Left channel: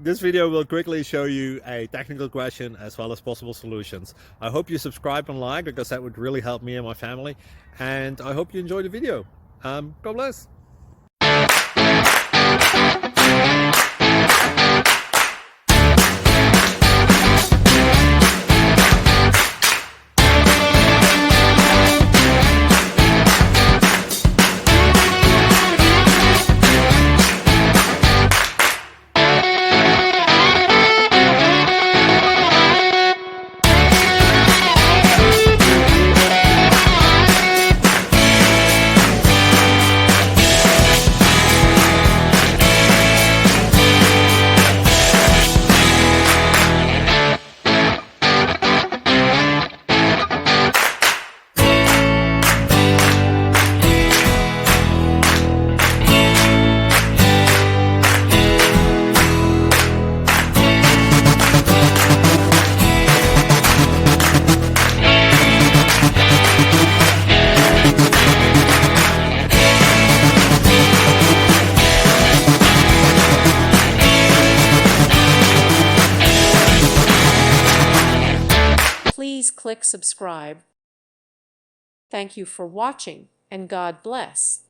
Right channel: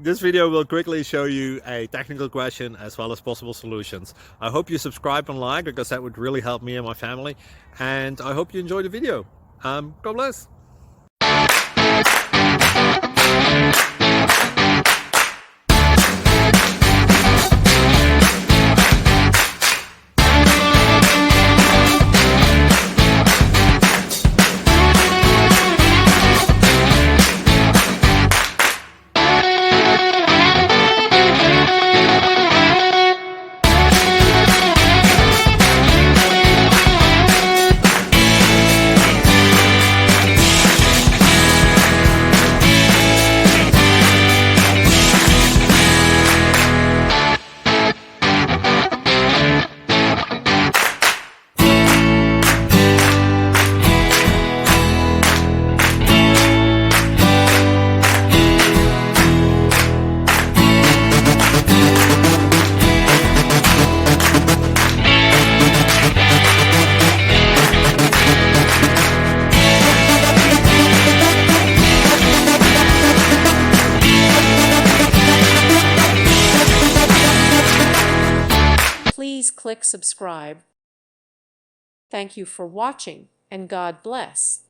This video will quickly show you a technical question as well as possible solutions. I hope you subscribe and like, because that would really help me and my family. And I hope you enjoy the video. God bless. Please click subscribe. Thank you for watching, and God bless.